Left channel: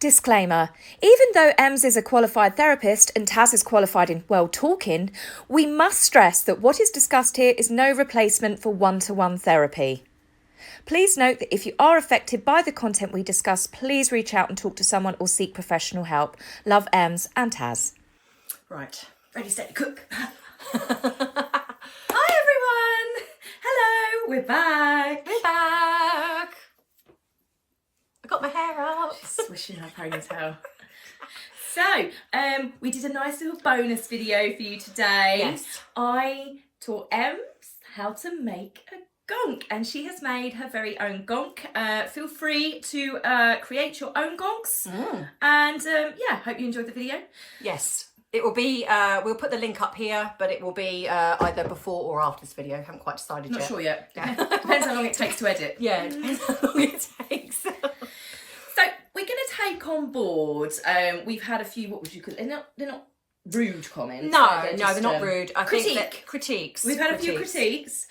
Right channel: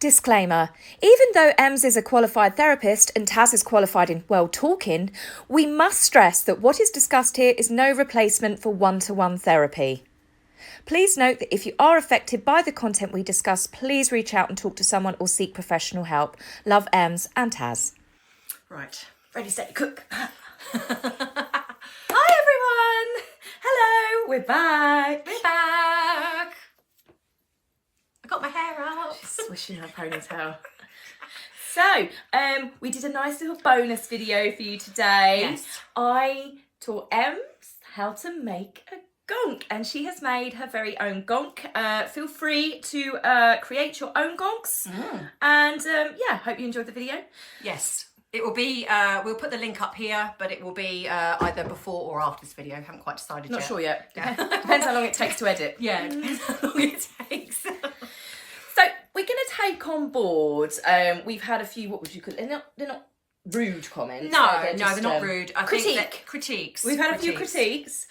Disclaimer. Even though Ems is a qualified therapist and Taz is qualified in well talking, we must stress that what is discussed here is no replacement for one-to-one therapy. Please note that if you are affected by the content we discuss, please reach out and talk to someone or seek professional help. Love, Ems and Taz. Right, ready, steady, cook. Hi everyone! Hello, we're back. We're back. I got my hair up. Swishing her ponytail. So, we did a nice little bonus video for you today. Yes. I taught Ems how to make a gonk, and she has made her very own gonk. Feel free to create your own gonks. And yeah, hope you enjoyed the video. Yes. It will be, we'll put the link up here, but it will be either before or after this video. Haven't quite decided yet. Not sure yet. Yeah. Depends how long it takes to edit. Yeah, it depends how long it takes. So we're going to take on board. We've had a few. What would you call? They're not rude comments. They're not rude. I think that critiques. We've had a few critiques,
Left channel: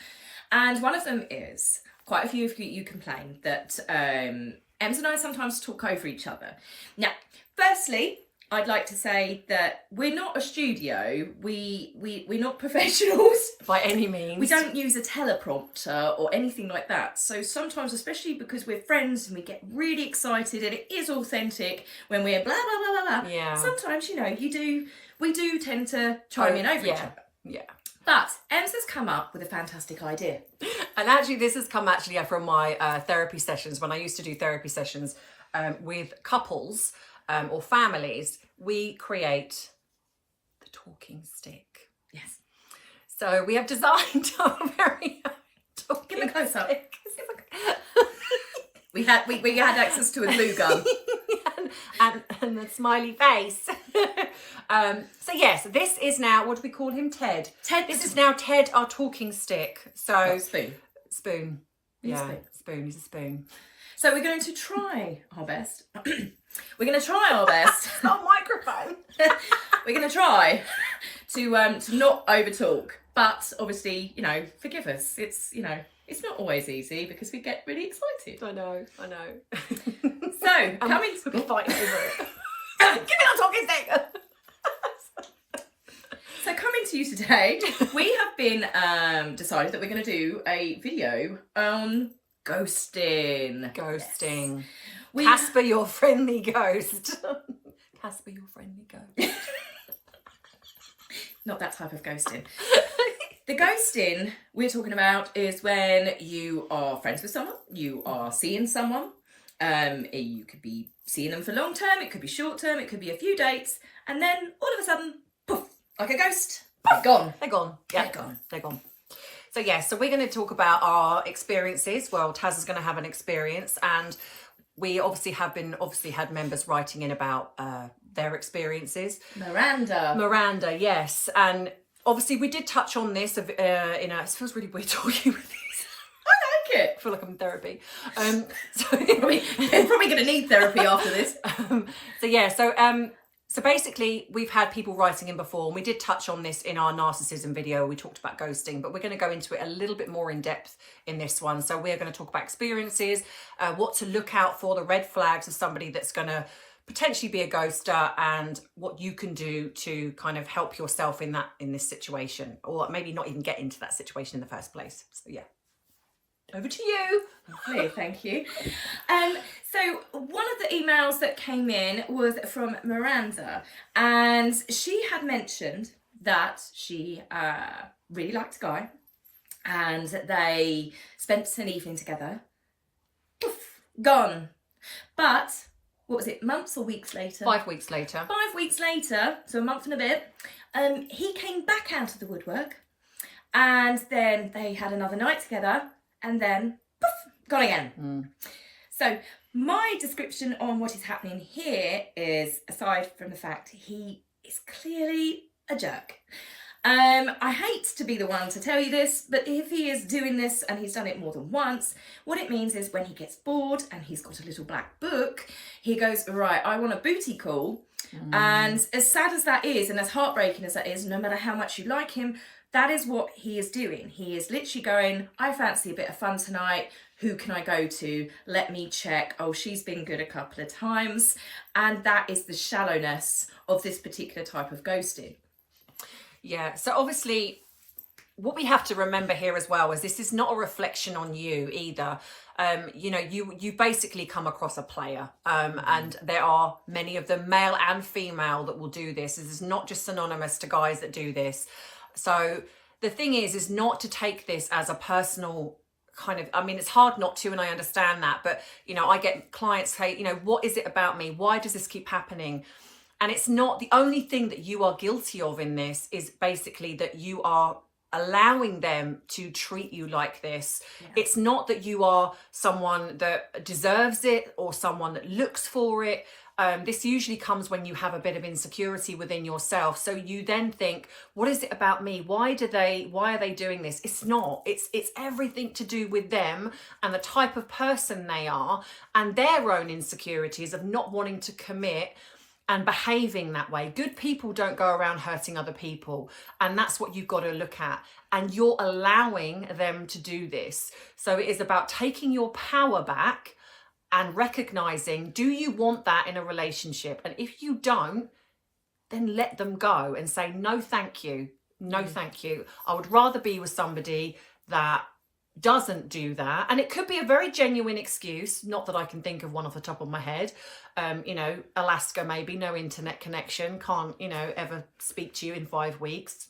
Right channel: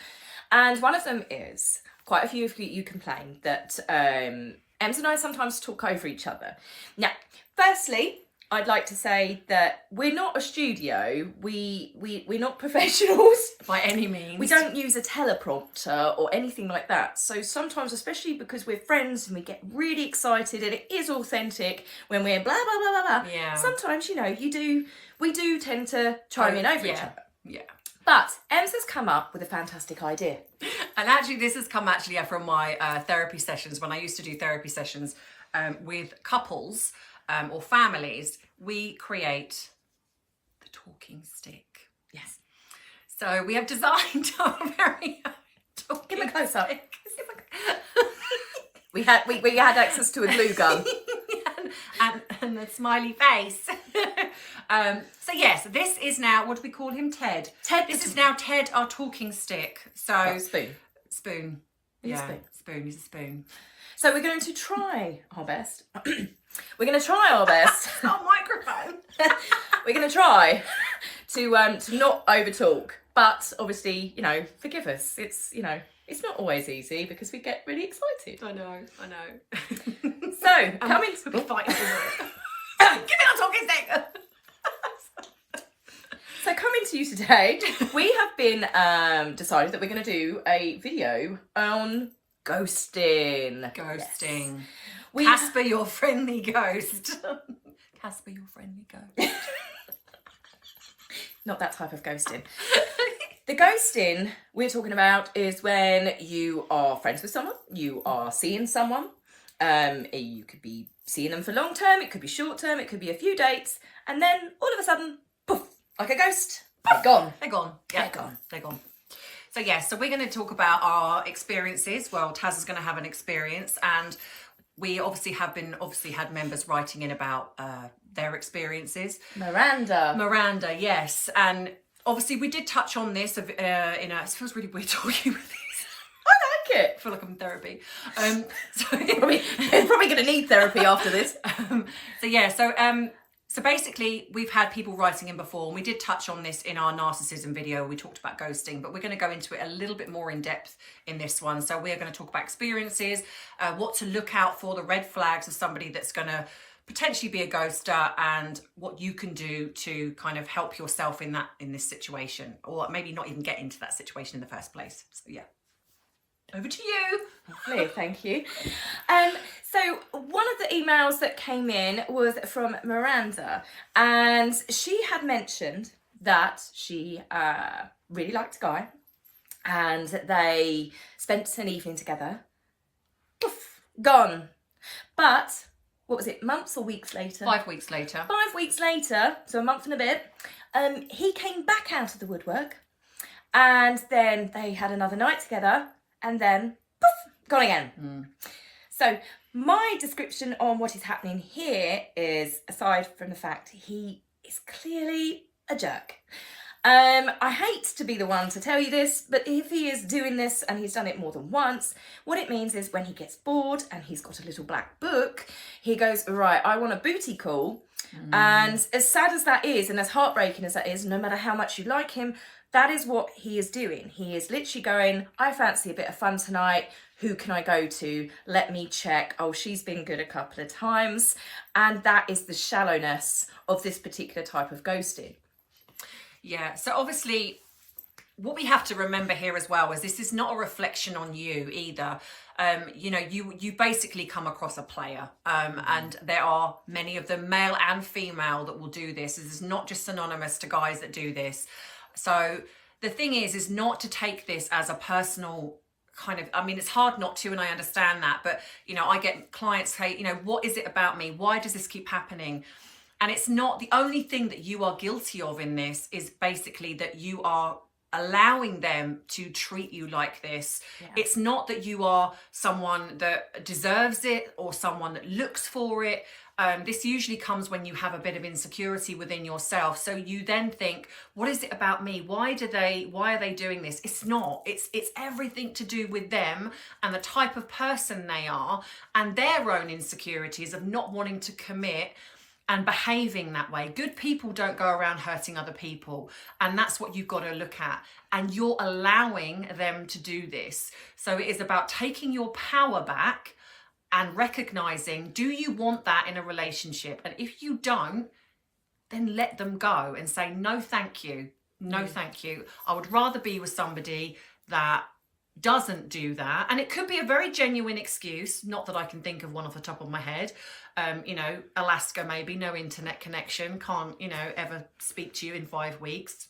and one of them is quite a few of you complained that Ems and I sometimes talk over each other. Now, firstly, I'd like to say that we're not a studio. We're not professionals by any means. We don't use a teleprompter or anything like that. So sometimes, especially because we're friends and we get really excited and it is authentic when we're blah blah blah blah blah. Yeah. Sometimes, we do tend to chime in over each other. Yeah. But Ems has come up with a fantastic idea. And actually, this has come from my therapy sessions. When I used to do therapy sessions with couples or families, we create the talking stick. Yes. So we have designed our very own talking Give me close up. stick. We had access to a glue gun. and the smiley face. So yes, this is now, what do we call him? Ted. This is now Ted, our talking stick. So spoon. Spoon. Yeah, spoon. He's a spoon. So we're going to try our best. We're going to try our best. It's not a microphone. We're going to try to not over talk, but obviously, forgive us. It's not always easy because we get really excited. I know. So We'll be fighting over it. Give me that talking stick. So coming to you today, we have been decided that we're going to do a video on ghosting. Ghosting. Yes. Casper, your friendly ghost. Casper, your friendly ghost. Not that type of ghosting. The ghosting we're talking about is when you are friends with someone, you are seeing someone, you could be seeing them for long term, it could be short term, it could be a few dates, and then all of a sudden, poof, like a ghost, they're gone. They're gone. Yeah, they're gone. So so we're going to talk about our experiences. Well, Taz is going to have an experience, and we obviously had members writing in about their experiences. Miranda, yes, and obviously we did touch on this it feels really weird talking with these. I like it. I feel like I'm in therapy. They're probably going to need therapy after this. So basically, we've had people writing in before, and we did touch on this in our narcissism video. We talked about ghosting, but we're going to go into it a little bit more in depth in this one. So we're going to talk about experiences, what to look out for, the red flags of somebody that's going to potentially be a ghoster, and what you can do to kind of help yourself in this situation, or maybe not even get into that situation in the first place. So yeah, over to you. Okay, thank you. So one of the emails that came in was from Miranda, and she had mentioned that she really liked a guy, and they spent an evening together. Poof, gone. But what was it, months or weeks later? 5 weeks later. 5 weeks later, so a month and a bit, he came back out of the woodwork, and then they had another night together, and then poof, gone again. So my description on what is happening here is, aside from the fact he is clearly a jerk. I hate to be the one to tell you this, but if he is doing this and he's done it more than once, what it means is when he gets bored and he's got a little black book, he goes, right, I want a booty call. And as sad as that is, and as heartbreaking as that is, no matter how much you like him, that is what he is doing. He is literally going, I fancy a bit of fun tonight. Who can I go to? Let me check. Oh, she's been good a couple of times. And that is the shallowness of this particular type of ghosting. Yeah, so obviously what we have to remember here as well is this is not a reflection on you either. You know, you basically come across a player, and there are many of them, male and female, that will do this. This is not just synonymous to guys that do this. So the thing is not to take this as a personal kind of, I mean, it's hard not to, and I understand that, but you know, I get clients say, you know, what is it about me? Why does this keep happening? And it's not, the only thing that you are guilty of in this is basically that you are allowing them to treat you like this. Yeah. It's not that you are someone that deserves it or someone that looks for it. This usually comes when you have a bit of insecurity within yourself. So you then think, what is it about me? Why are they doing this? It's not. It's everything to do with them and the type of person they are and their own insecurities of not wanting to commit and behaving that way. Good people don't go around hurting other people. And that's what you've got to look at. And you're allowing them to do this. So it is about taking your power back and recognizing, do you want that in a relationship? And if you don't, then let them go and say, no, thank you. No, thank you. I would rather be with somebody that doesn't do that. And it could be a very genuine excuse, not that I can think of one off the top of my head. You know, Alaska, maybe no internet connection, can't, you know, ever speak to you in 5 weeks,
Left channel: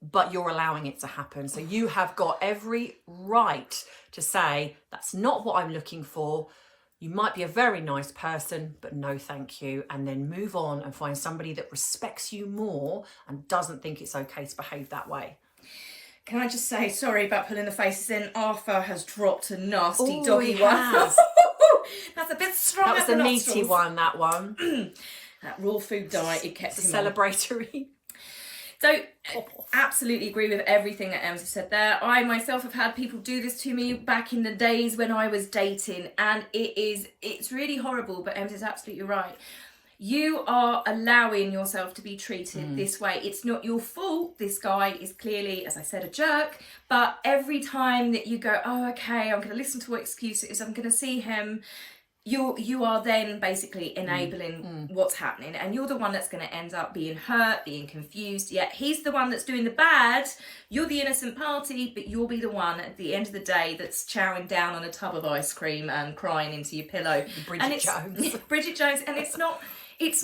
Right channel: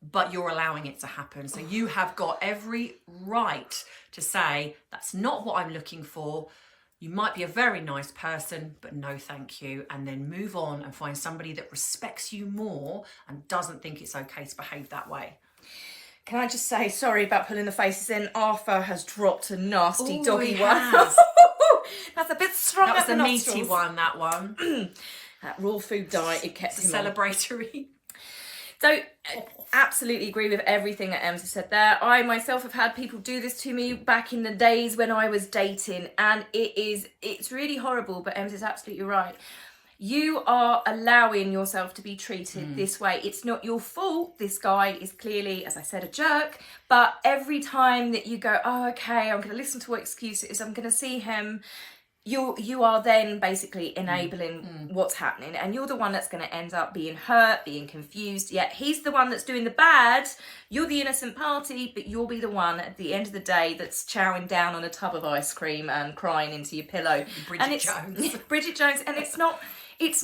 but you're allowing it to happen. So you have got every right to say, that's not what I'm looking for. You might be a very nice person, but no thank you. And then move on and find somebody that respects you more and doesn't think it's okay to behave that way. Can I just say, sorry about pulling the faces in, Arthur has dropped a nasty doggy one. That's a bit strong. That was a meaty one, that one. That raw food diet, it kept him celebratory. So, absolutely agree with everything that Ems said there. I myself have had people do this to me back in the days when I was dating, and it's really horrible, but Ems is absolutely right. You are allowing yourself to be treated this way. It's not your fault. This guy is clearly, as I said, a jerk. But every time that you go, oh, okay, I'm going to listen to what excuse it is, I'm going to see him, you are then basically enabling what's happening. And you're the one that's going to end up being hurt, being confused. Yet he's the one that's doing the bad. You're the innocent party, but you'll be the one at the end of the day that's chowing down on a tub of ice cream and crying into your pillow. Bridget Jones. Bridget Jones. And it's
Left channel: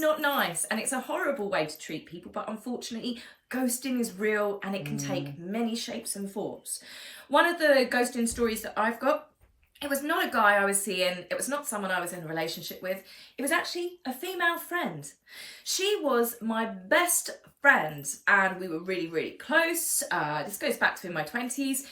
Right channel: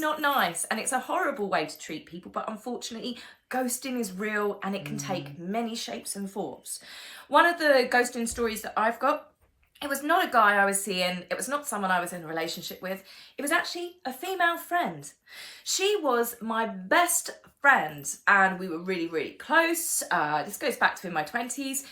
not nice, and it's a horrible way to treat people, but unfortunately ghosting is real and it can take many shapes and forms. One of the ghosting stories that I've got, it was not a guy I was seeing, it was not someone I was in a relationship with, it was actually a female friend. She was my best friend and we were really, really close. This goes back to in my 20s.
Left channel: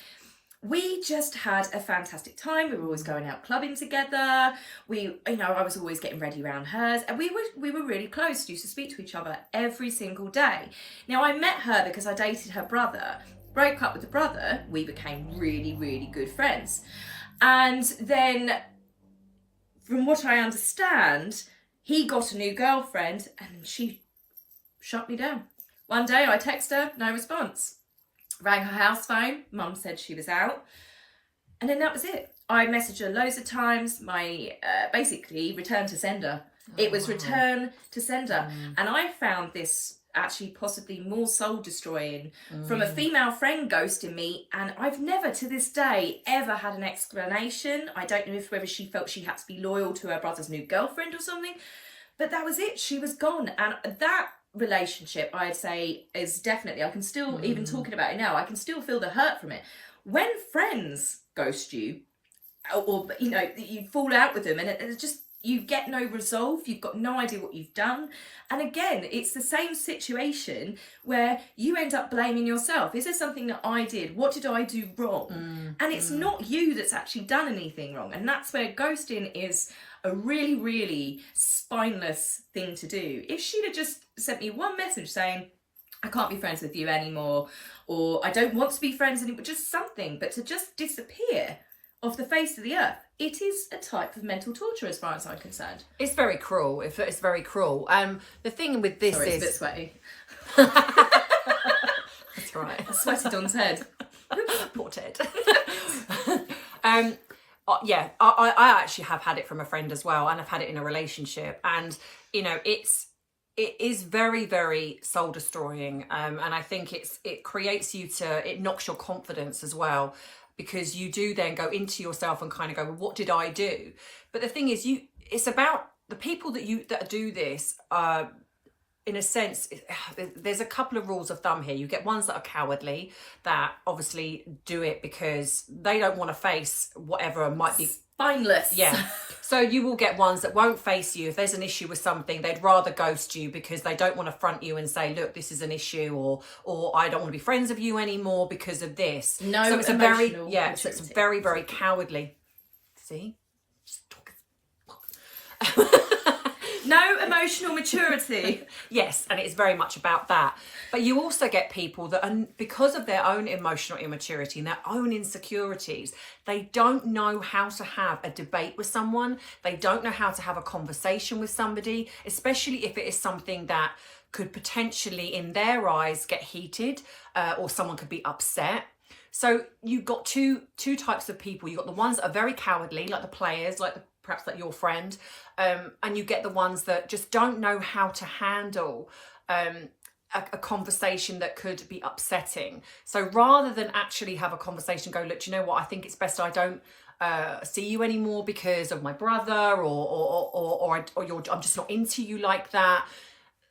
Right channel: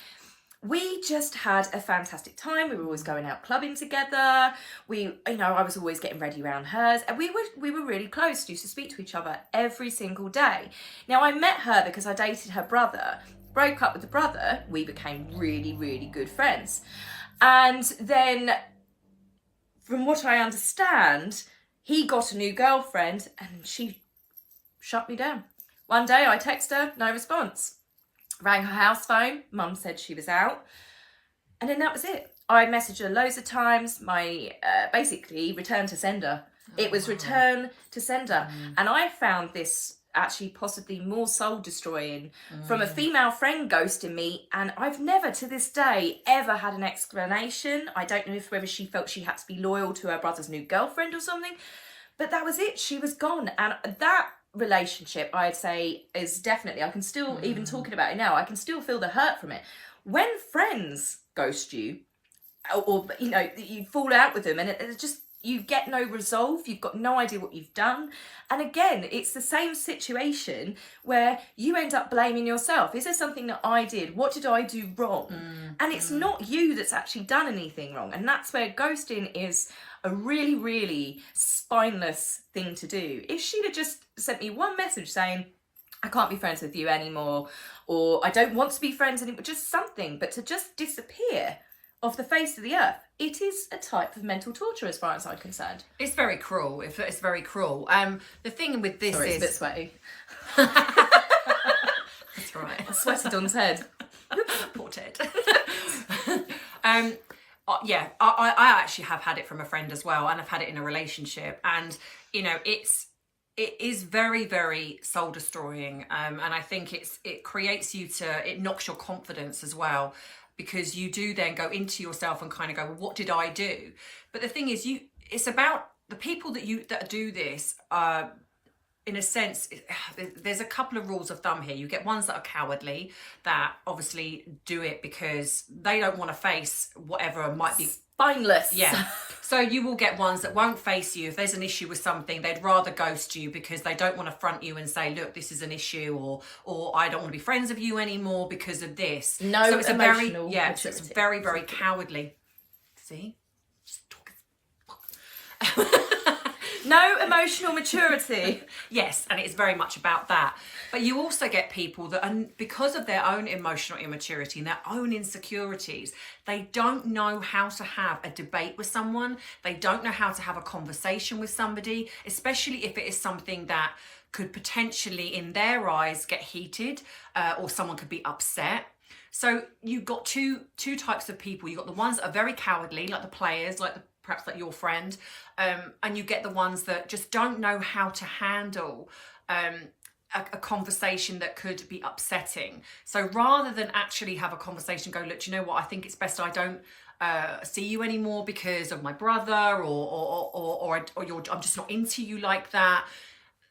We just had a fantastic time. We were always going out clubbing together. I was always getting ready around hers, and we were really close. We used to speak to each other every single day. Now, I met her because I dated her brother, broke up with the brother. We became really, really good friends. And then, from what I understand, he got a new girlfriend and she shut me down. One day I text her, no response. Rang her house phone, mum said she was out, and then that was it. I messaged her loads of times, my basically return to sender. It was return to sender. And I found this actually possibly more soul destroying from a female friend ghosting me, and I've never to this day ever had an explanation. I don't know whether she felt she had to be loyal to her brother's new girlfriend or something, but that was it. She was gone, and that relationship, I'd say, is definitely, I can still, even talking about it now, I can still feel the hurt from it. When friends ghost you, or you fall out with them and it's just, you get no resolve, you've got no idea what you've done. And again, it's the same situation where you end up blaming yourself. Is there something that I did? What did I do wrong? And it's not you that's actually done anything wrong. And that's where ghosting is a really, really spineless thing to do. If she'd have just sent me one message saying, I can't be friends with you anymore, or I don't want to be friends anymore, just something, but to just disappear off the face of the earth, it is a type of mental torture as far as I'm concerned. It's very cruel. It's very cruel. The thing with this Sorry, is... it's a bit sweaty. That's right. I sweated on Ted. Poor Ted. Yeah, I actually have had it from a friend as well, and I've had it in a relationship, and you know, it is very, very soul destroying, and I think it creates you it knocks your confidence as well, because you do then go into yourself and kind of go, well, what did I do? But the thing is, it's about the people that do this. In a sense, there's a couple of rules of thumb here. You get ones that are cowardly, that obviously do it because they don't want to face whatever might be spineless. Yeah. So you will get ones that won't face you. If there's an issue with something, they'd rather ghost you because they don't want to front you and say, look, this is an issue, or I don't want to be friends with you anymore because of this. No, so it's emotional so it's very, very cowardly. See? No emotional maturity. Yes, and it's very much about that. But you also get people that are, because of their own emotional immaturity and their own insecurities, they don't know how to have a debate with someone. They don't know how to have a conversation with somebody, especially if it is something that could potentially, in their eyes, get heated, or someone could be upset. So you've got two types of people. You've got the ones that are very cowardly, like the players, perhaps like your friend, and you get the ones that just don't know how to handle a conversation that could be upsetting. So rather than actually have a conversation, go, look, do you know what? I think it's best I don't see you anymore because of my brother, or I'm just not into you like that.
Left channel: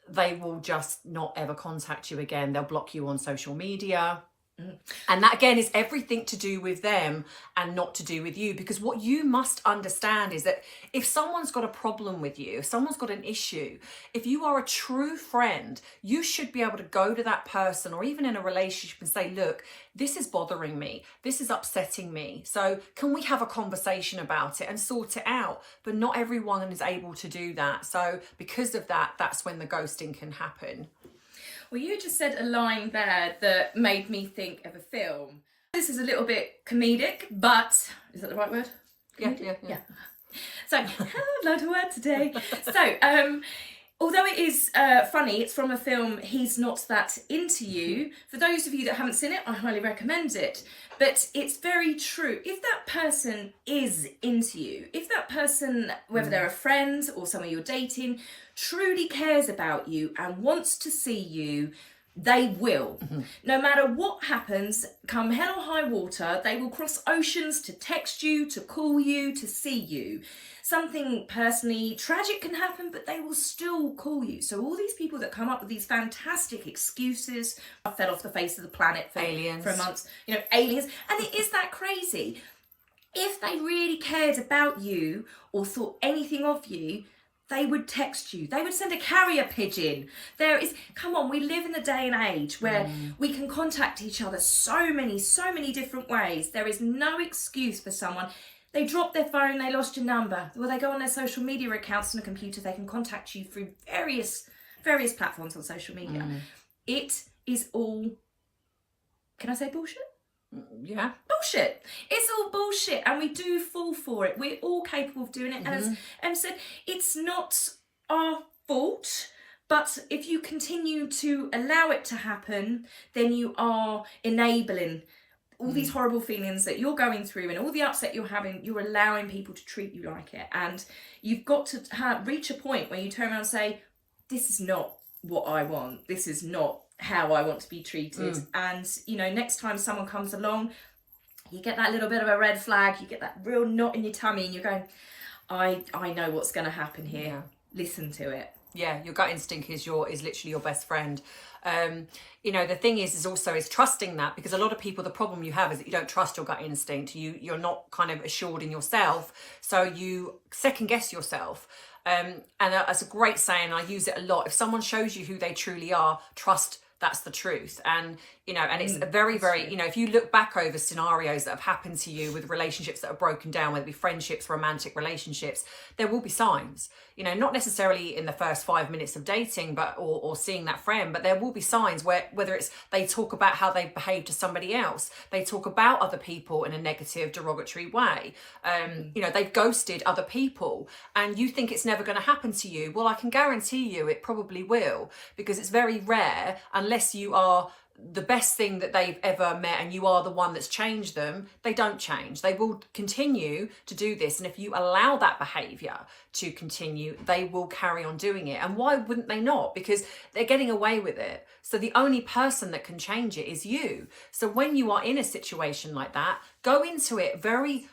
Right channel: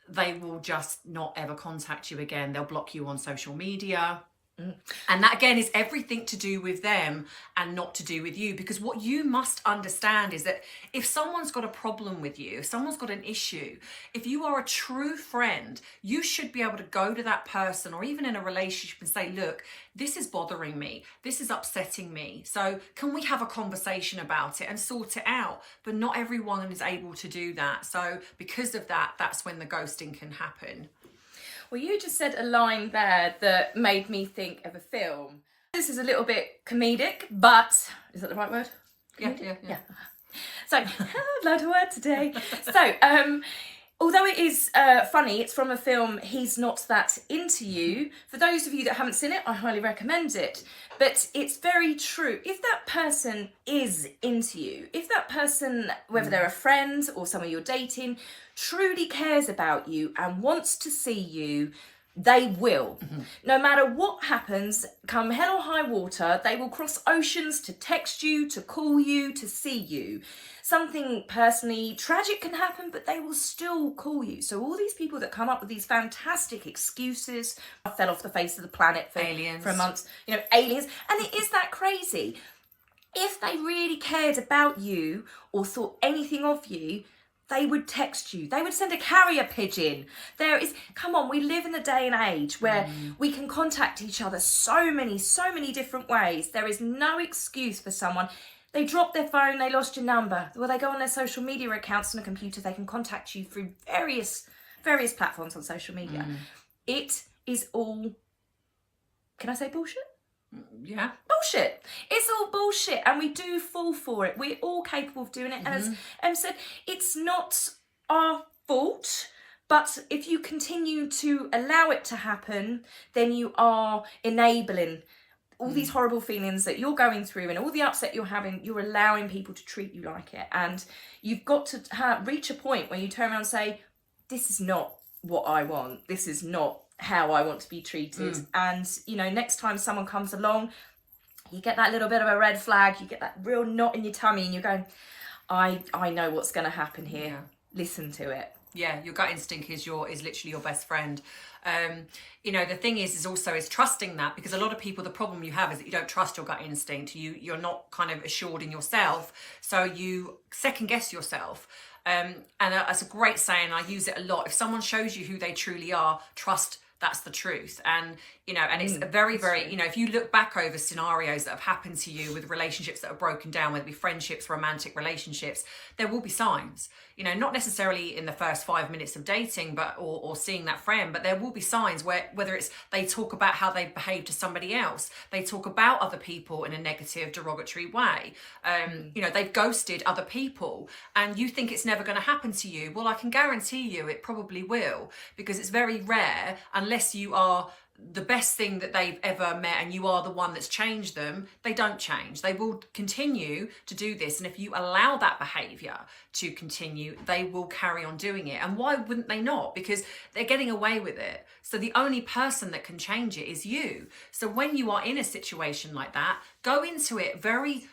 They will just not ever contact you again. They'll block you on social media. And that again is everything to do with them and not to do with you, because what you must understand is that if someone's got a problem with you, if someone's got an issue, if you are a true friend, you should be able to go to that person, or even in a relationship, and say, look, this is bothering me, this is upsetting me, so can we have a conversation about it and sort it out? But not everyone is able to do that. So because of that, that's when the ghosting can happen. Well, you just said a line there that made me think of a film. This is a little bit comedic, but is that the right word? Yeah. So, I've learned a word today. So, although it is funny, it's from a film, He's Not That Into You. For those of you that haven't seen it, I highly recommend it. But it's very true. If that person is into you, if that person, whether they're a friend or someone you're dating, truly cares about you and wants to see you, they will. No matter what happens, come hell or high water, they will cross oceans to text you, to call you, to see you. Something personally tragic can happen, but they will still call you. So all these people that come up with these fantastic excuses, I fell off the face of the planet for a month, aliens, and it is that crazy. If they really cared about you or thought anything of you, they would text you. They would send a carrier pigeon. Come on, we live in a day and age where we can contact each other so many different ways. There is no excuse for someone. They dropped their phone, they lost your number. Well, they go on their social media accounts on a computer, they can contact you through various platforms on social media. It is all, can I say bullshit? Yeah. Bullshit. It's all bullshit, and we do fall for it. We're all capable of doing it. And as Em said, it's not our fault, but if you continue to allow it to happen, then you are enabling all these horrible feelings that you're going through and all the upset you're having. You're allowing people to treat you like it, and you've got to reach a point where you turn around and say, this is not what I want. This is not how I want to be treated. And next time someone comes along, you get that little bit of a red flag, you get that real knot in your tummy, and you're going, I know what's going to happen here. Listen to it. Yeah, your gut instinct is literally your best friend. The thing is trusting that, because a lot of people, the problem you have is that you don't trust your gut instinct. You're not kind of assured in yourself, so you second guess yourself. And that's a great saying. I use it a lot. If someone shows you who they truly are, trust that's the truth. And and it's a very, very, if you look back over scenarios that have happened to you with relationships that are broken down, whether it be friendships, romantic relationships, there will be signs, not necessarily in the first 5 minutes of dating, but or seeing that friend, but there will be signs where, whether it's they talk about how they behave to somebody else, they talk about other people in a negative, derogatory way, they've ghosted other people, and you think it's never going to happen to you. Well, I can guarantee you it probably will, because it's very rare, unless you are the best thing that they've ever met and you are the one that's changed them, they don't change. They will continue to do this. And if you allow that behavior to continue, they will carry on doing it. And why wouldn't they not? Because they're getting away with it. So the only person that can change it is you. So when you are in a situation like that, go into it very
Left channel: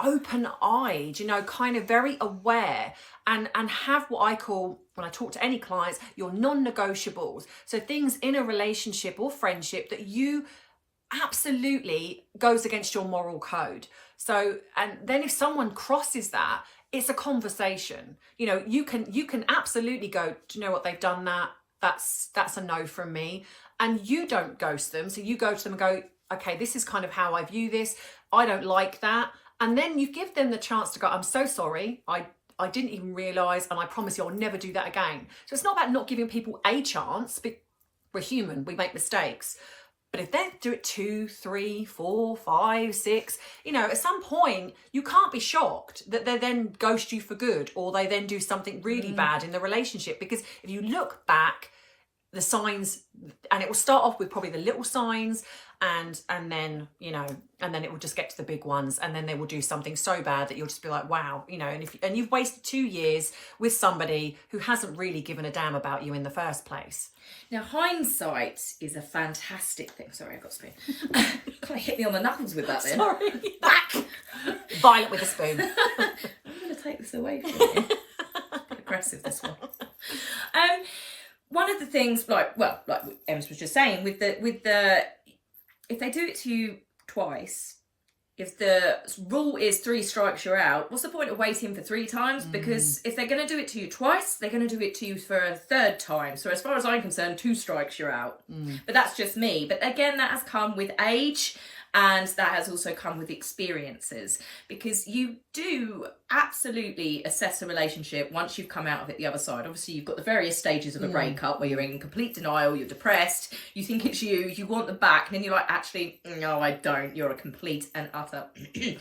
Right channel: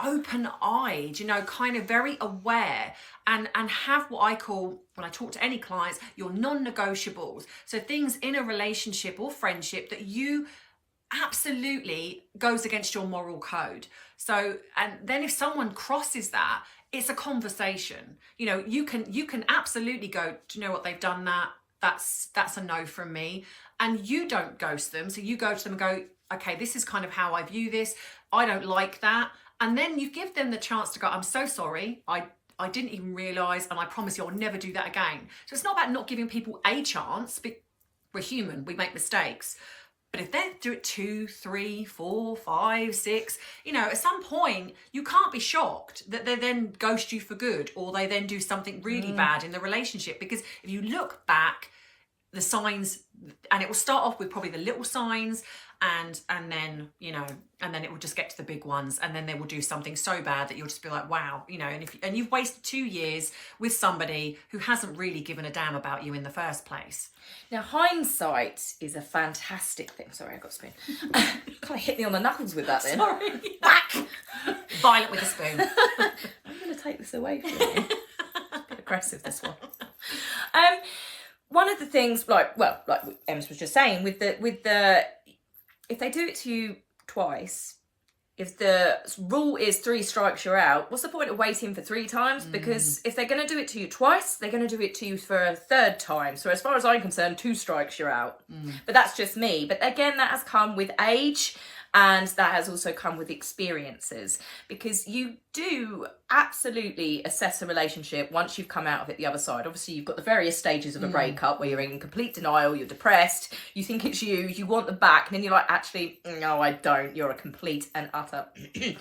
open-eyed, you know, kind of very aware, and have what I call, when I talk to any clients, your non-negotiables. So things in a relationship or friendship that you absolutely goes against your moral code. So, and then if someone crosses that, it's a conversation. You know, you can absolutely go, do you know what, they've done that, that's a no from me. And you don't ghost them. So you go to them and go, okay, this is kind of how I view this. I don't like that. And then you give them the chance to go, I'm so sorry, I didn't even realise, and I promise you I'll never do that again. So it's not about not giving people a chance, but we're human, we make mistakes. But if they do it 2, 3, 4, 5, 6, you know, at some point you can't be shocked that they then ghost you for good, or they then do something really bad in the relationship. Because if you look back, the signs, and it will start off with probably the little signs, and then, you know, and then it will just get to the big ones, and then they will do something so bad that you'll just be like, wow, you know. And you've wasted 2 years with somebody who hasn't really given a damn about you in the first place. Now, hindsight is a fantastic thing. Sorry, I got a spoon. Kind of hit me on the knuckles with that then. Sorry. Back! Violent with a spoon. I'm going to take this away from you. It's a bit aggressive, this one. One of the things, like Ems was just saying, with the if they do it to you twice, if the rule is 3 strikes you're out, what's the point of waiting for 3 times? Because if they're going to do it to you twice, they're going to do it to you for a 3rd time. So as far as I'm concerned, 2 strikes you're out. But that's just me. But again, that has come with age, and that has also come with experiences, because you do absolutely assess a relationship once you've come out of it the other side. Obviously, you've got the various stages of a breakup where you're in complete denial, you're depressed, you think it's you want them back, and then you're like, actually, no, I don't. You're a complete and utter beep.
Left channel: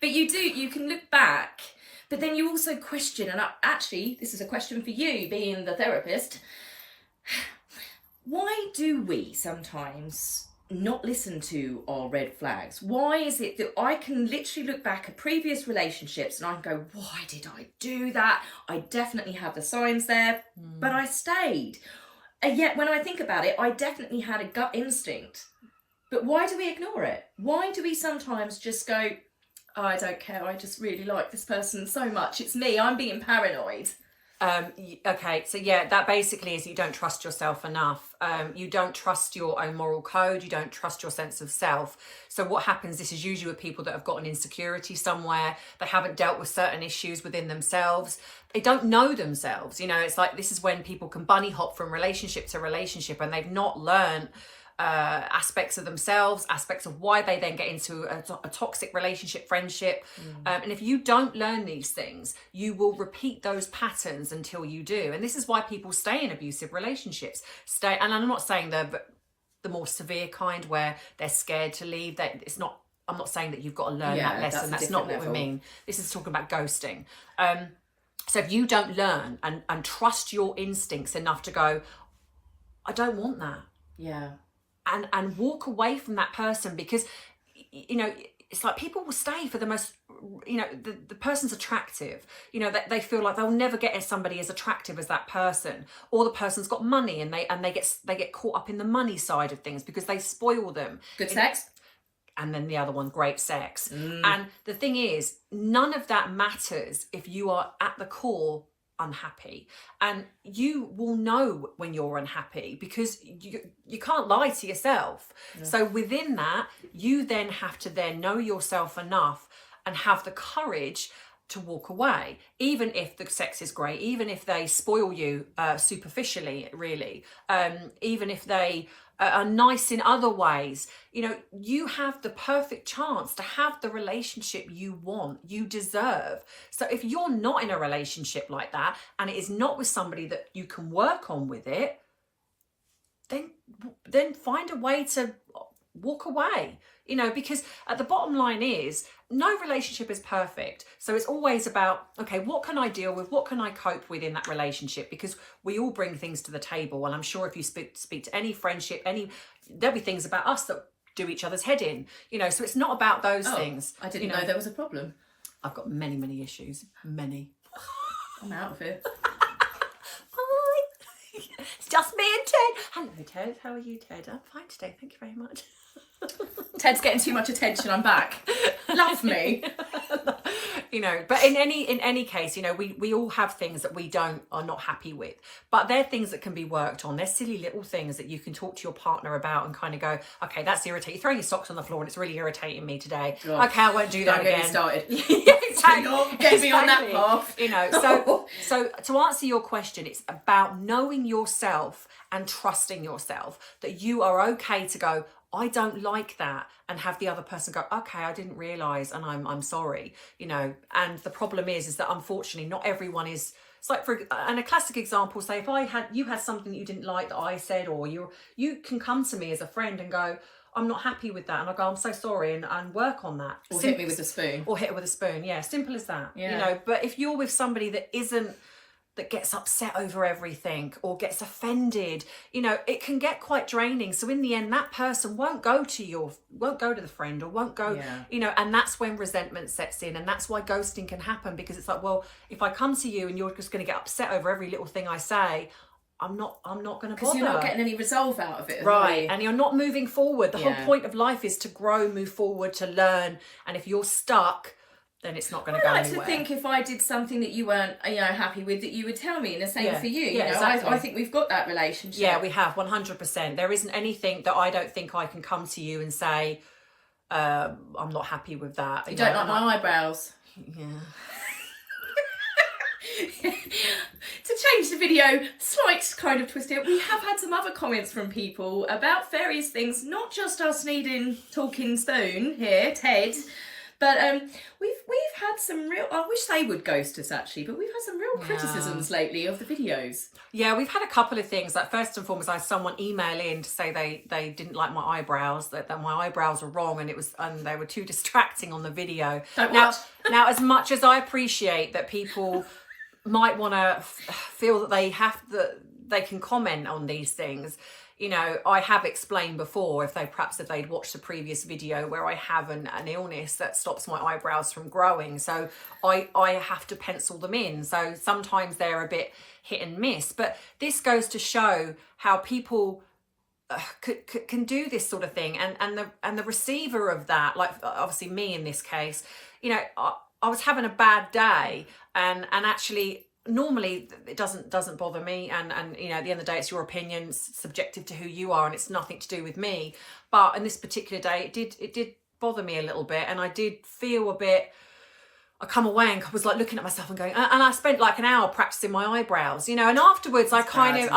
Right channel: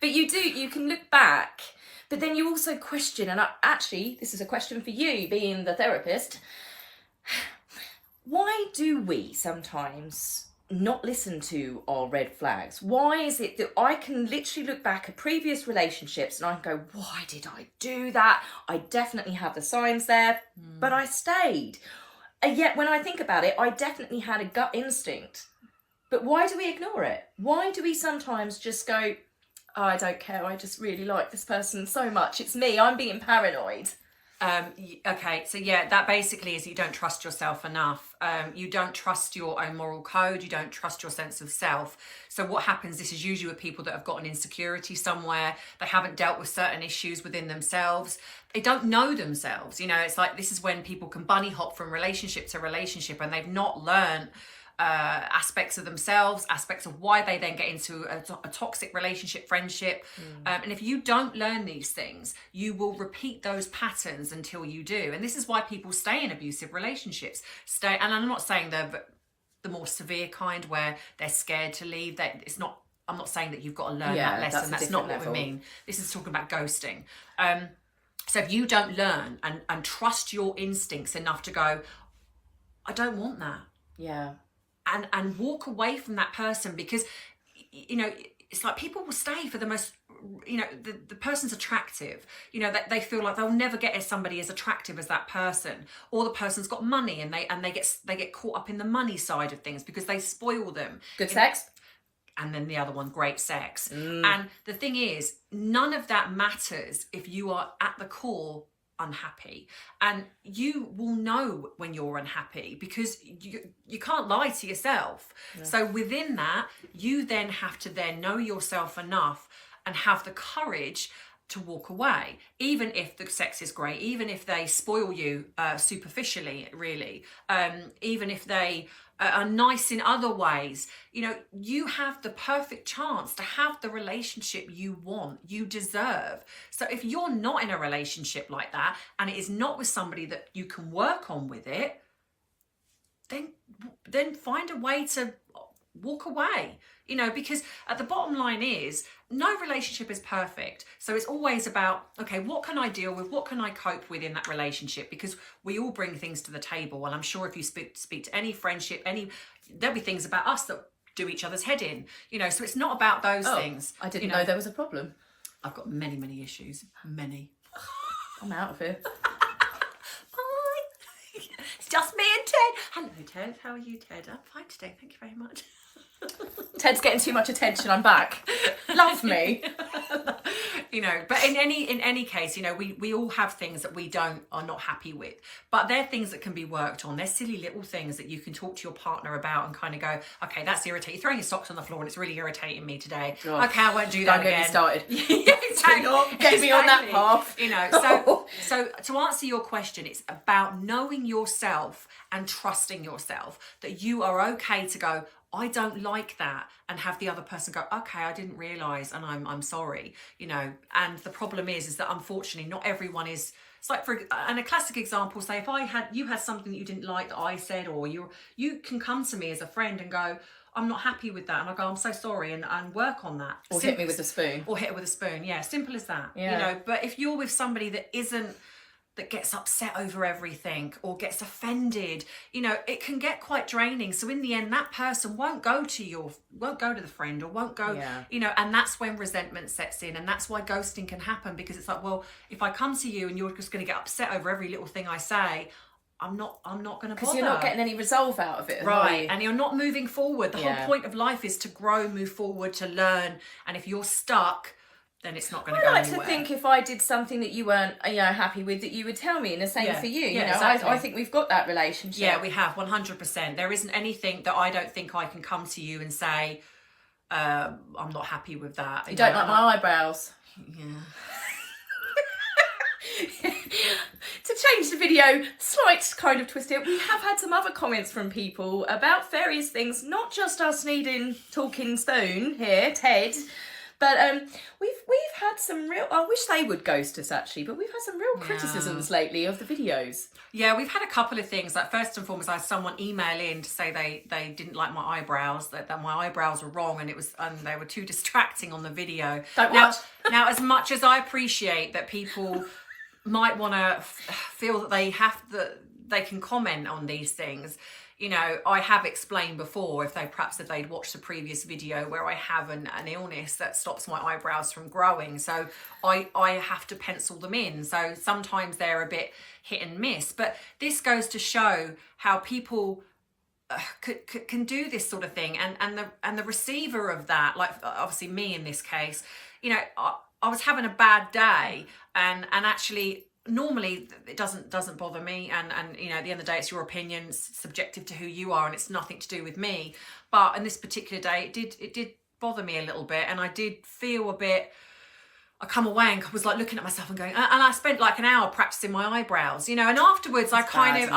But you can look back, but then you also question, and actually, this is a question for you, being the therapist. Why do we sometimes not listen to our red flags? Why is it that I can literally look back at previous relationships and I can go, why did I do that? I definitely have the signs there, but I stayed. And yet when I think about it, I definitely had a gut instinct. But why do we ignore it? Why do we sometimes just go, oh, I don't care, I just really like this person so much, it's me, I'm being paranoid? Okay, so yeah, that basically is you don't trust yourself enough. You don't trust your own moral code. You don't trust your sense of self. So what happens, this is usually with people that have got an insecurity somewhere. They haven't dealt with certain issues within themselves. They don't know themselves. You know, it's like, this is when people can bunny hop from relationship to relationship, and they've not learned aspects of themselves, aspects of why they then get into a toxic relationship, friendship. And if you don't learn these things, you will repeat those patterns until you do. And this is why people stay in abusive relationships. And I'm not saying the more severe kind where they're scared to leave. That it's not. I'm not saying that you've got to learn that lesson. That's not what we mean. This is talking about ghosting. So if you don't learn and trust your instincts enough to go, I don't want that. Yeah. And walk away from that person, because, you know, it's like people will stay for the most, you know, the person's attractive, you know, that they feel like they'll never get somebody as attractive as that person, or the person's got money and they get caught up in the money side of things because they spoil them. Good sex. And then the other one, great sex. And the thing is, none of that matters if you are at the core unhappy. And you will know when you're unhappy, because you can't lie to yourself. So within that, you then have to then know yourself enough and have the courage to walk away, even if the sex is great, even if they spoil you superficially, really, even if they are nice in other ways. You know, you have the perfect chance to have the relationship you want, you deserve. So if you're not in a relationship like that, and it is not with somebody that you can work on with it, then find a way to walk away. You know, because at the bottom line is, no relationship is perfect. So it's always about, okay, what can I deal with? What can I cope with in that relationship? Because we all bring things to the table. And I'm sure if you speak to any friendship, there'll be things about us that do each other's head in, you know, so it's not about those things. I didn't know there was a problem. I've got many, many issues. Many. I'm out of it. Bye. It's just me and Ted. Hello, Ted. How are you, Ted? I'm fine today. Thank you very much. Ted's getting too much attention. I'm back. Love me. You know, but in any case, you know, we all have things that we are not happy with, but they're things that can be worked on. They're silly little things that you can talk to your partner about and kind of go, okay, that's irritating. You're throwing your socks on the floor and it's really irritating me today. Oh, okay, I won't do that again. Don't get me started. Yeah, exactly. Get me on that path. You know, so to answer your question, it's about knowing yourself and trusting yourself that you are okay to go, I don't like that, and have the other person go, okay, I didn't realise and I'm sorry, you know. And the problem is that unfortunately not everyone is. It's like, and a classic example, say if you had something that you didn't like that I said, or you can come to me as a friend and go, I'm not happy with that, and I go, I'm so sorry, and work on that. Or hit me with a spoon. Or hit it with a spoon, yeah, simple as that. Yeah. You know, but if you're with somebody that gets upset over everything or gets offended, you know, it can get quite draining. So in the end, that person won't go to the friend, or won't go, you know, and that's when resentment sets in. And that's why ghosting can happen, because it's like, well, if I come to you and you're just going to get upset over every little thing I say, I'm not going to bother. Because you're not getting any resolve out of it. Right. And you're not moving forward. The whole point of life is to grow, move forward, to learn. And if you're stuck, then it's not going to go anywhere. I like to think if I did something that you weren't, happy with, that you would tell me, and the same for you. Yeah, you know, exactly. I think we've got that relationship. Yeah, we have, 100%. There isn't anything that I don't think I can come to you and say, I'm not happy with that. You don't like my eyebrows. Yeah. To change the video, slight kind of twist it, we have had some other comments from people about various things, not just us needing talking spoon here, Ted. But we've had some real, I wish they would ghost us actually, but we've had some real criticisms lately of the videos. Yeah, we've had a couple of things. Like, first and foremost, I had someone email in to say they didn't like my eyebrows, that my eyebrows were wrong, and they were too distracting on the video. Now, as much as I appreciate that people might want to feel that they can comment on these things, you know, I have explained before, if they'd watched a previous video where I have an illness that stops my eyebrows from growing. So I have to pencil them in. So sometimes they're a bit hit and miss. But this goes to show how people can do this sort of thing. And the receiver of that, like obviously me in this case, you know, I was having a bad day, and actually, normally it doesn't bother me, and you know, at the end of the day, it's your opinion, it's subjective to who you are, and it's nothing to do with me. But on this particular day, it did bother me a little bit, and I did feel a bit. I come away and was like looking at myself and going, and I spent like an hour practicing my eyebrows, you know, and afterwards I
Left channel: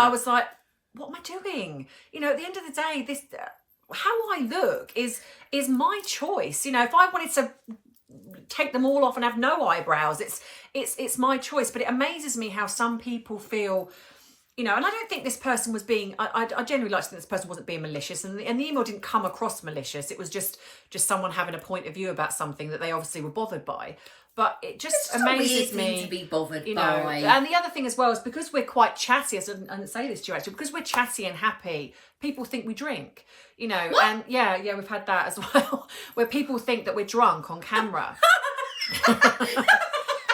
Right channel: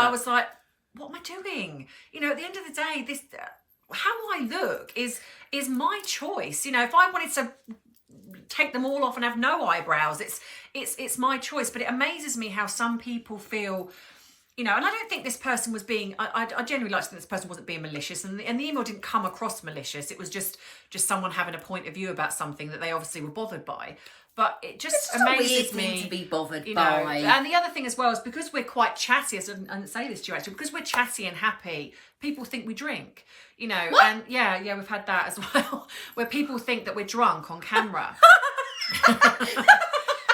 was like, what am I doing? You know, at the end of the day, this how I look is my choice. You know, if I wanted to take them all off and have no eyebrows, it's my choice. But it amazes me how some people feel, you know, and I don't think this person was being, I genuinely like to think this person wasn't being malicious, and the email didn't come across malicious. It was just someone having a point of view about something that they obviously were bothered by. But it just amazes me to be bothered by. And the other thing as well is, because we're quite chatty, and say this to you actually, because we're chatty and happy, people think we drink, you know. What? And yeah, we've had that as well, where people think that we're drunk on camera.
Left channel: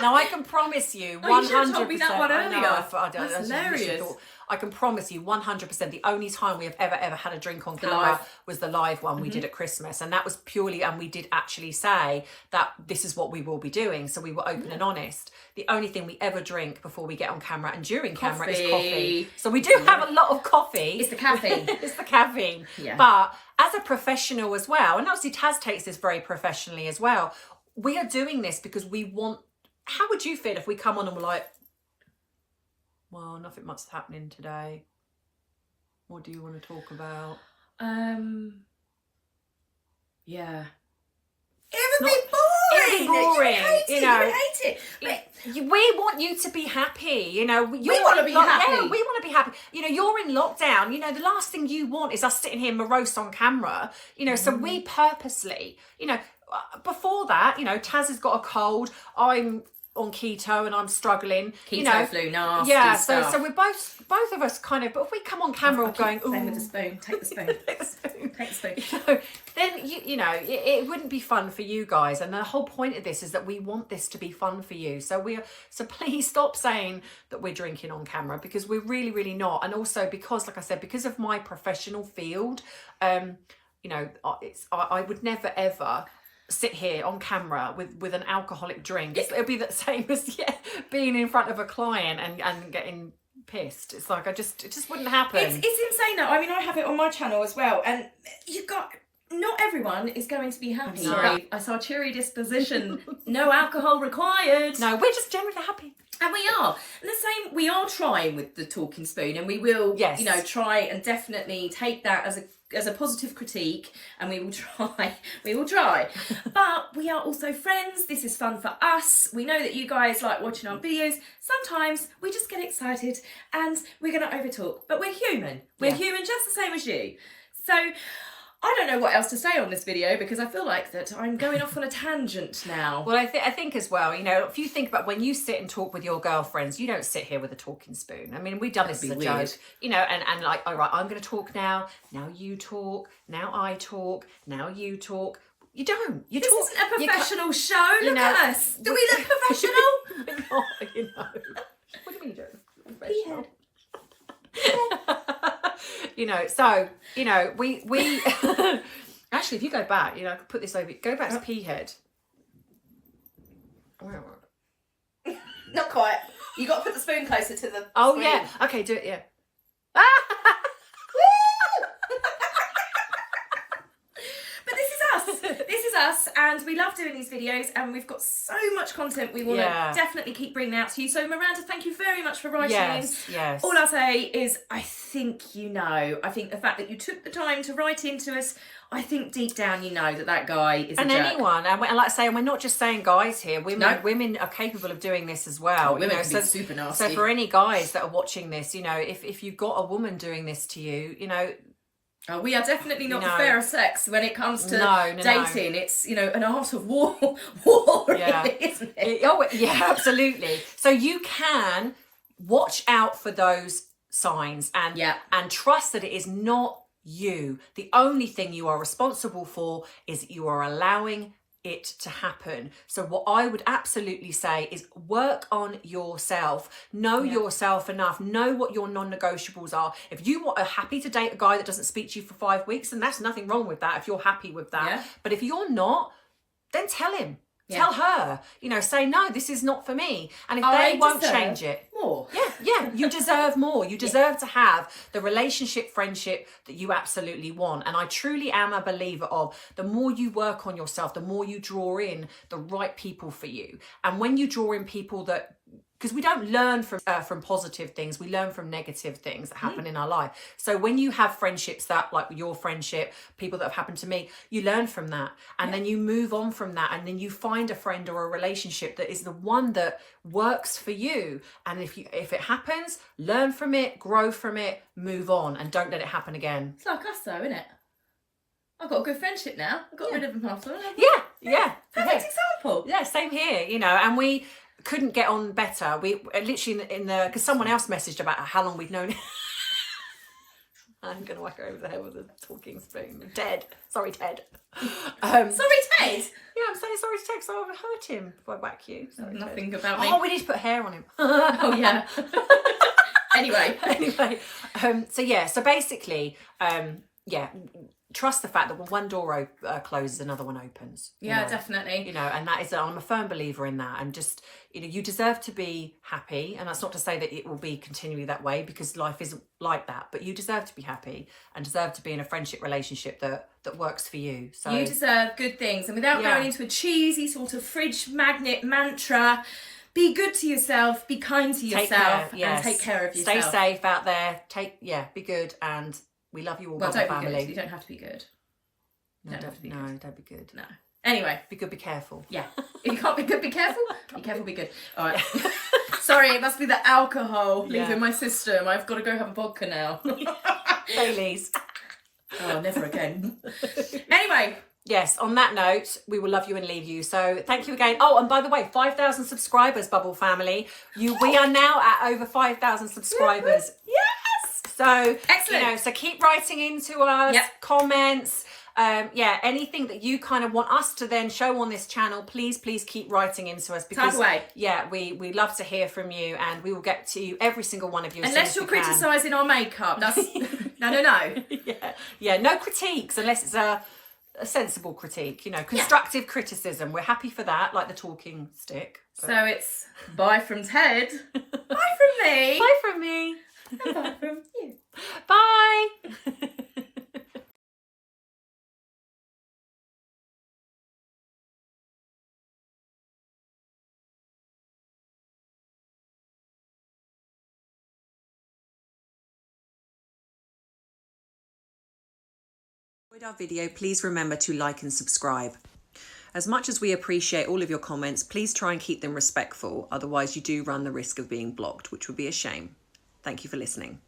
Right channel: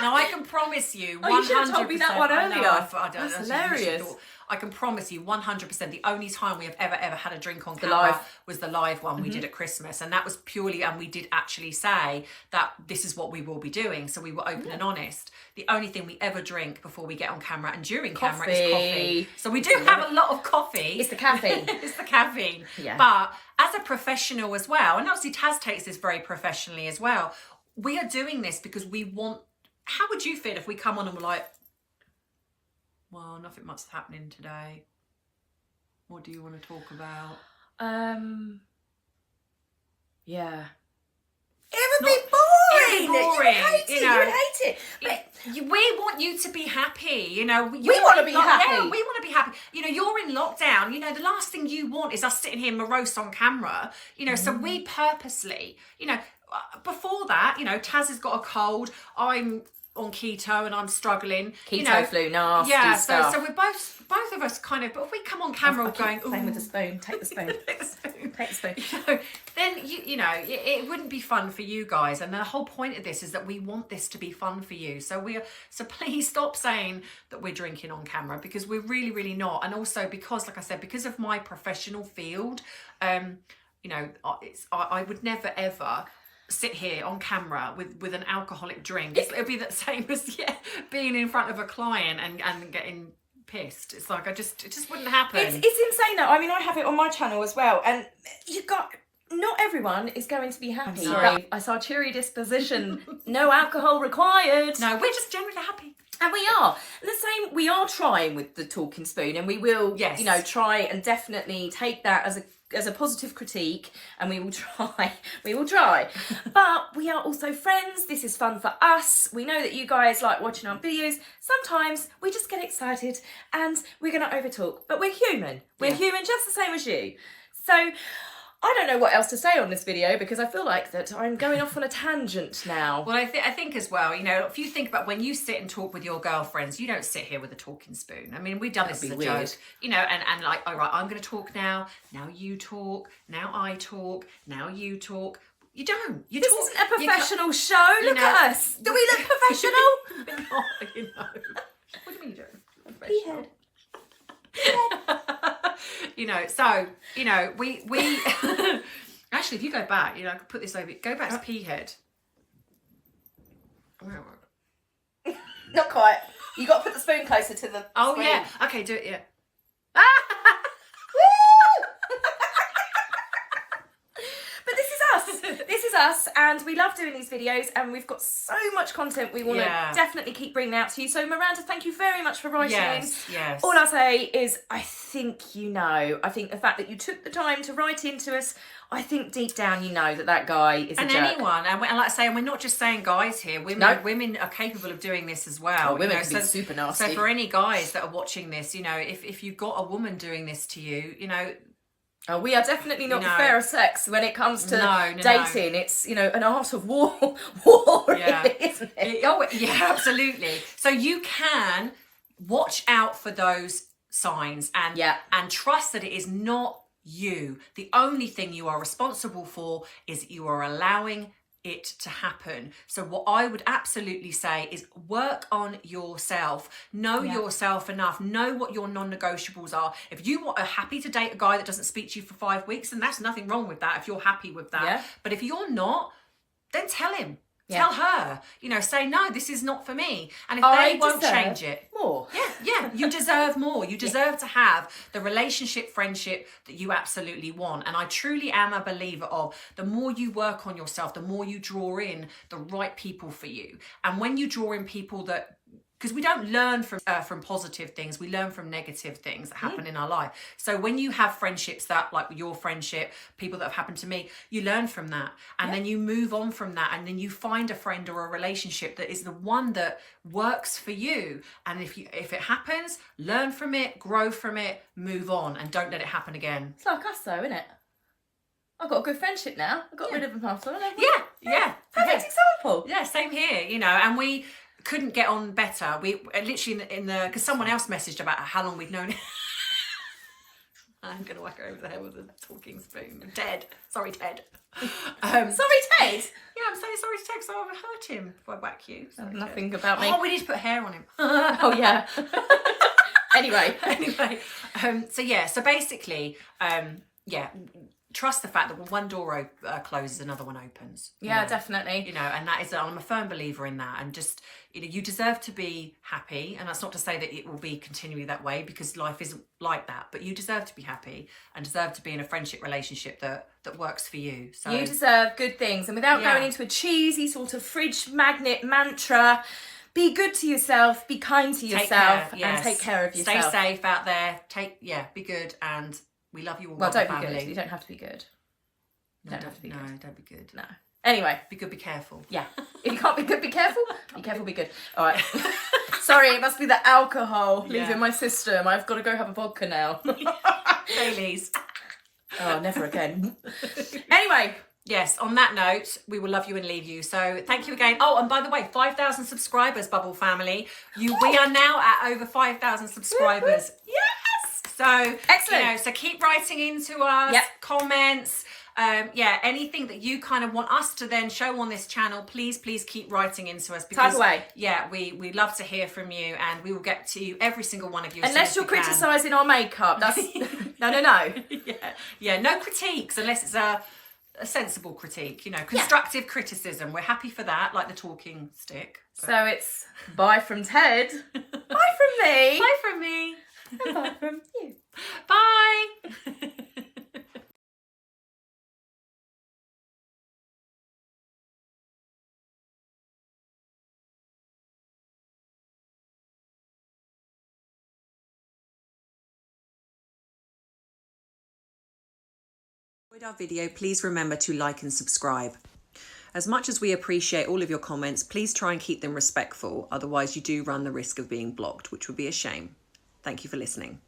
Now I can promise you 100%. You should have told me that one earlier. That's hilarious. I can promise you 100% the only time we have ever had a drink on camera was the live one we did at Christmas, and that was purely, and we did actually say that this is what we will be doing, so we were open and honest. The only thing we ever drink before we get on camera and during camera is coffee. So we do have a lot of coffee. It's the caffeine. It's the caffeine. Yeah. But as a professional as well, and obviously Taz takes this very professionally as well, we are doing this because we want. How would you feel if we come on and we're like, well, nothing much is happening today. What do you want to talk about? Yeah. It would Not, be boring. It would be boring. You know, you hate it. we want you to be happy. You know, We want to be happy. Yeah, we want to be happy. You know, you're in lockdown. You know, the last thing you want is us sitting here morose on camera. You know, so we purposely, you know, before that, you know, Taz has got a cold. I'm on keto and I'm struggling. Keto, you know, flu, nasty yeah. stuff. So we're both of us kind of. But if we come on camera, we're going, ooh, with the spoon. Take the spoon. take the spoon. Take the spoon. So then you know it wouldn't be fun for you guys, and the whole point of this is that we want this to be fun for you. So please stop saying that we're drinking on camera, because we're really not. And also because, like I said, because of my professional field, you know, I would never ever sit here on camera with an alcoholic drink. It'll be the same as being in front of a client and getting pissed. It's like it just wouldn't happen. It's insane though. I mean, I have it on my channel as well, and not everyone is going to be happy. No. I saw cheery disposition, no alcohol required. No, we're just generally happy. And we are. And the same, we are trying with the talking spoon, and we will, Yes. you know, try and definitely take that as a positive critique, and we will try. But we are also friends. This is fun for us. We know that you guys like watching our videos. Sometimes we just get excited and we're going to overtalk, but we're human. We're human just the same as you. So I don't know what else to say on this video, because I feel like that I'm going off on a tangent now. Well, I think as well, you know, if you think about when you sit and talk with your girlfriends, you don't sit here with a talking spoon. I mean, we've done this as a joke, you know, and like, all right, I'm going to talk now you talk, now I talk, now you talk. You don't. You this talk. This isn't a professional show. Look at us. Do we look professional? We're not, you know. What do you mean you don't? Professional. You know, so, you know, we actually, if you go back, you know, I could put this over, go back to P head. Not quite. You got to put the spoon closer to the Oh, spoon. yeah. Okay, do it, yeah. But this is us. This is us, and we love doing these videos, and we've got so much content we want to definitely keep bringing out to you. So Miranda, thank you very much for writing in. Yes. All I'll say is I think the fact that you took the time to write into us, I think deep down you know that guy is and a jerk. anyone, and like I say, and we're not just saying guys here. Women are capable of doing this as well. Oh, women you know, can be super nasty. So for any guys that are watching this, you know, if you've got a woman doing this to you, you know. Oh, we are definitely not the fair of sex when it comes to dating. It's, you know, an art of war, really, isn't it? Yeah, absolutely. So you can watch out for those signs and trust that it is not you. The only thing you are responsible for is that you are allowing it to happen. So what I would absolutely say is work on yourself. Know yourself enough. Know what your non-negotiables are. If you are happy to date a guy that doesn't speak to you for 5 weeks, then that's nothing wrong with that if you're happy with that. Yeah. But if you're not, then tell him. Tell her, you know, say, no, this is not for me. And if they won't change it. More. Yeah, you deserve more. You deserve to have the relationship, friendship that you absolutely want. And I truly am a believer of the more you work on yourself, the more you draw in the right people for you. And when you draw in people that, because we don't learn from positive things, we learn from negative things that happen in our life. So when you have friendships that, like your friendship, people that have happened to me, you learn from that, and then you move on from that, and then you find a friend or a relationship that is the one that works for you. And if it happens, learn from it, grow from it, move on, and don't let it happen again. It's like us though, isn't it? I've got a good friendship now. I got rid of them after. Yeah. Perfect example. Yeah, same here, you know, and we couldn't get on better. We literally because someone else messaged about how long we'd known it. I'm gonna whack her over the head with a talking spoon. Ted. Sorry, Ted. Sorry, Ted. Yeah, I'm saying sorry to Ted, so I've hurt him if I whack you. Sorry, nothing Ted. about me. Oh, we need to put hair on him. Oh yeah. Anyway. So basically, trust the fact that when one door closes, another one opens. Yeah, definitely. You know, and that is, I'm a firm believer in that. And just, you know, you deserve to be happy. And that's not to say that it will be continually that way, because life isn't like that. But you deserve to be happy and deserve to be in a friendship relationship that works for you. So you deserve good things. And without going into a cheesy sort of fridge magnet mantra, be good to yourself, be kind to yourself, and take care of yourself. Stay safe out there. Be good, and we love you all, well, don't family. Be good. You don't have to be good. No, don't be good. No. Anyway. Be good, be careful. Yeah. If you can't be good, be careful. Be careful, be good. All right. Sorry, it must be the alcohol Yeah. leaving my system. I've got to go have a vodka now. Baileys. Oh, never again. Anyway. Yes, on that note, we will love you and leave you. So thank you again. Oh, and by the way, 5,000 subscribers, Bubble family. We are now at over 5,000 subscribers. Yes! So, Excellent. So keep writing into us, comments. Anything that you kind of want us to then show on this channel, please keep writing into us, because Tag away. we love to hear from you, and we will get to you, every single one of you, unless you're criticising our makeup. That's no. No critiques unless it's a sensible critique, constructive criticism. We're happy for that, like the talking stick. So it's bye from Ted, bye from me, bye from me, and bye from you. Bye. Enjoyed our video, please remember to like and subscribe. As much as we appreciate all of your comments, please try and keep them respectful, otherwise you do run the risk of being blocked, which would be a shame. Thank you for listening.